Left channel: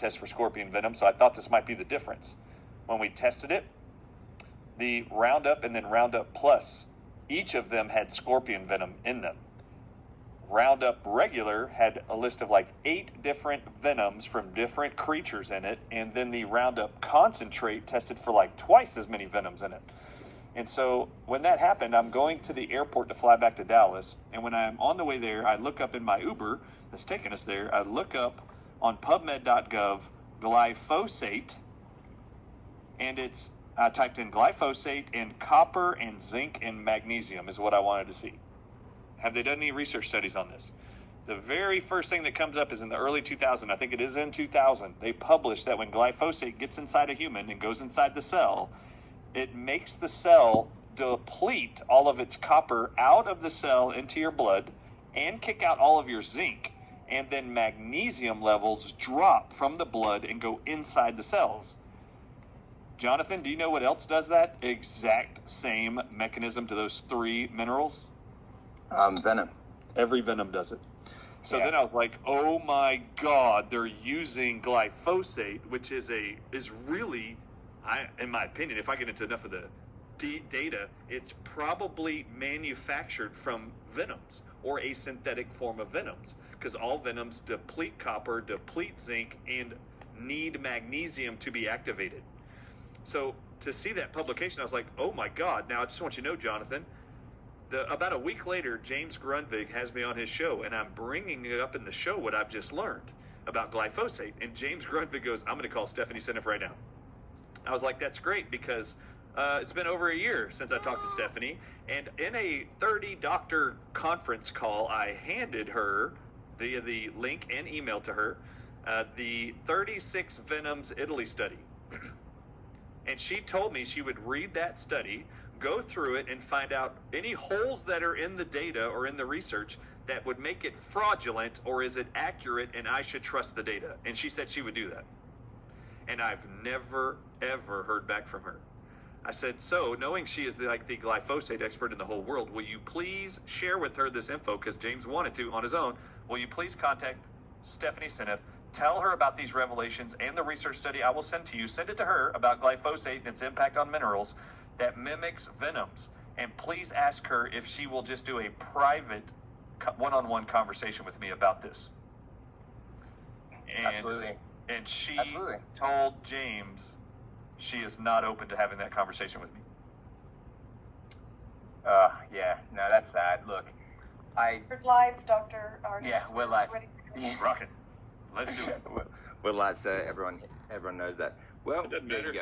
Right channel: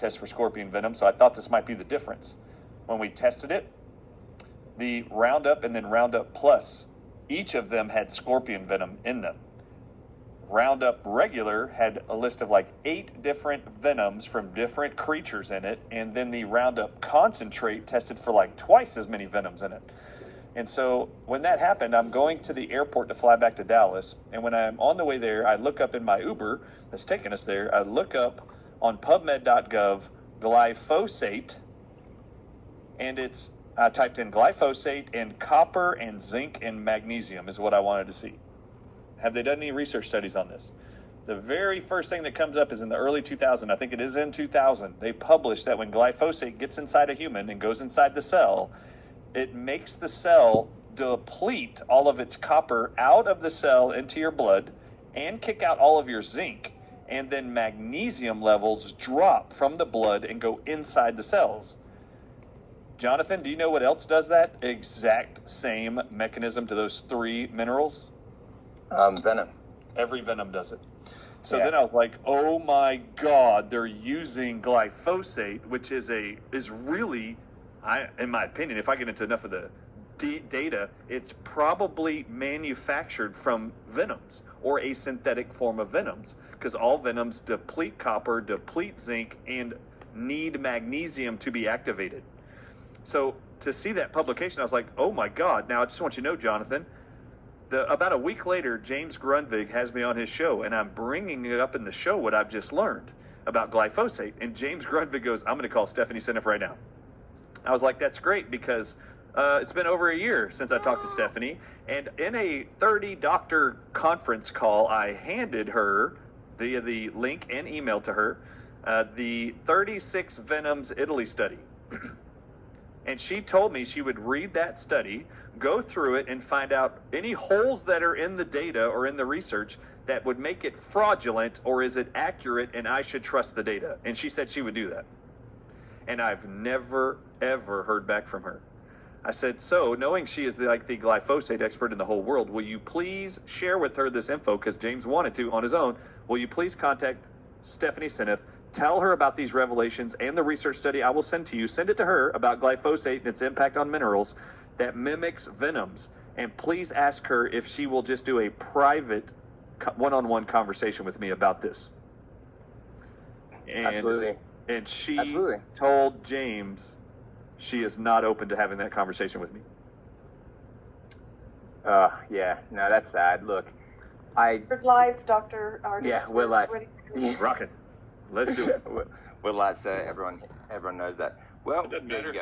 test for scorpion venom, so I thought this might be the difference. When we tested it, the Roundup and then Roundup Plus, each of them had scorpion venom in them. Roundup regular had a list of like 8 different venoms from different creatures in it, and then the Roundup concentrate tested for like twice as many venoms in it. And so when that happened, I'm going to the airport to fly back to Dallas, and when I'm on the way there, I look up in my Uber that's taking us there, I look up on PubMed.gov glyphosate, and I typed in glyphosate, and copper and zinc and magnesium is what I wanted to see. Have they done any research studies on this? The very first thing that comes up is in the early 2000s. I think it is in 2000. They published that when glyphosate gets inside a human and goes inside the cell, it makes the cell deplete all of its copper out of the cell into your blood and kick out all of your zinc. And then magnesium levels drop from the blood and go inside the cells. Jonathan, do you know what else does that exact same mechanism to those 3 minerals? Venom. Every venom does it. So Yeah. then I was like, oh my God, they're using glyphosate, which is really, in my opinion, if I get into enough of the data, it's probably manufactured from venoms or a synthetic form of venoms, because all venoms deplete copper, deplete zinc, and need magnesium to be activated. So to see that publication, I was like, oh my God. Now I just want you to know, Jonathan, about a week later, James Grundvig has me on his show, and I'm bringing it up in the show what I've just learned about glyphosate. And James Grundvig goes, I'm going to call Stephanie Seneff right now. I was like, that's great, because it's been over a year since I talked to Stephanie. And in a 30-doctor conference call, I handed her, via the link and email to her, the 36 Venoms Italy study. And she told me she would read that study, go through it, and find out any holes that are in the data or in the research that would make it fraudulent, or is it accurate and I should trust the data. And she said she would do that. And I've never, ever heard back from her. I said, so knowing she is like the glyphosate expert in the whole world, will you please share with her this info? Because James wanted to on his own. Will you please contact Stephanie Seneff? Tell her about these revelations and the research study I will send to you. Send it to her about glyphosate and its impact on minerals that mimics venoms. And please ask her if she will just do a private one-on-one conversation with me about this. And, Absolutely. And she Absolutely. told James she is not open to having that conversation with me. Yeah, no, that's sad. Look, We're live, Dr. Artis. Yeah, we're live. Rockin'. Let's do it. We're live, so everyone knows that. Well, It doesn't there you matter. go.